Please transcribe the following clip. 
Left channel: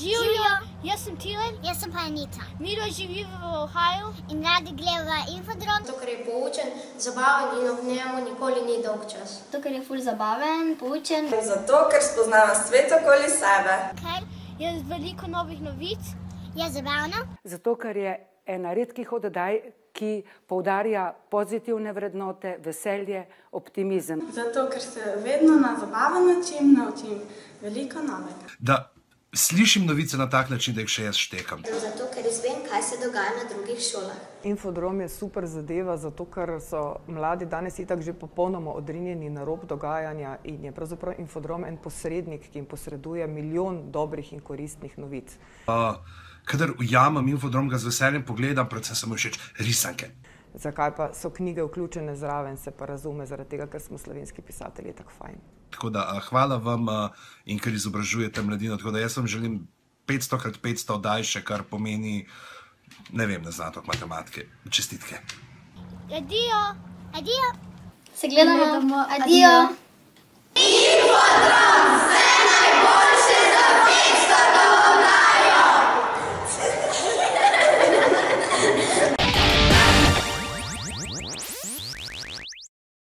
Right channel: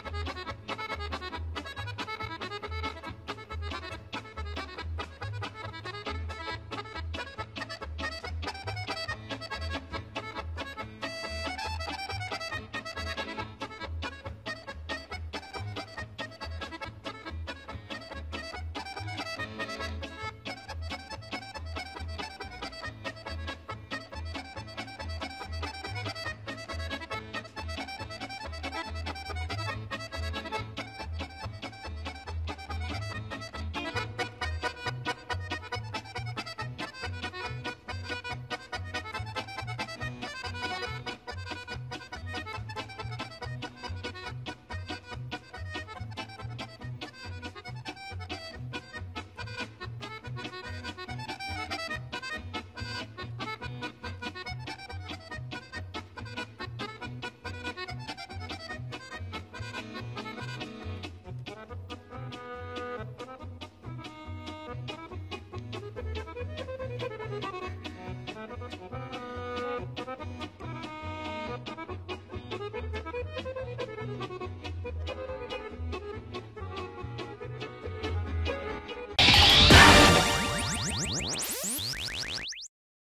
Živijo, jaz sem Tilen. Jaz sem pa Anita. Miro živi v Ohaju. In radi gledava Infodrom. Ker je poučen, zabaven in ob njemu nikoli ni dolgčas. Ker je ful zabaven, poučen. Zato, ker spoznava svet okoli sebe. Ker je veliko novih novic. Je zabavno. Zato, ker je ena redkih oddaj, ki poudarja pozitivne vrednote, veselje, optimizem. Zato, ker se vedno na zabaven način naučim veliko novega. Da slišim novice na tak način, da jih še jaz štekam. Zato, ker izvem, kaj se dogaja na drugih šolah. Infodrom je super zadeva, zato ker so mladi danes itak že popolnoma odrinjeni na rob dogajanja in je pravzaprav Infodrom en posrednik, ki jim posreduje milijon dobrih in koristnih novic. Kadar ujamem Infodrom, ga z veseljem pogledam, predvsem so mi všeč risanke. Zakaj pa so knjige vključene zraven, se pa razume, zaradi tega, ker smo slovenski pisatelji tako fajn. Tako da hvala vam in ker izobražujete mladino, tako da jaz vam želim 500x500 oddaj še, kar pomeni, ne vem, ne znam toliko matematike. Čestitke. Adijo. Adijo. Se gledamo. Adijo. Infodrom!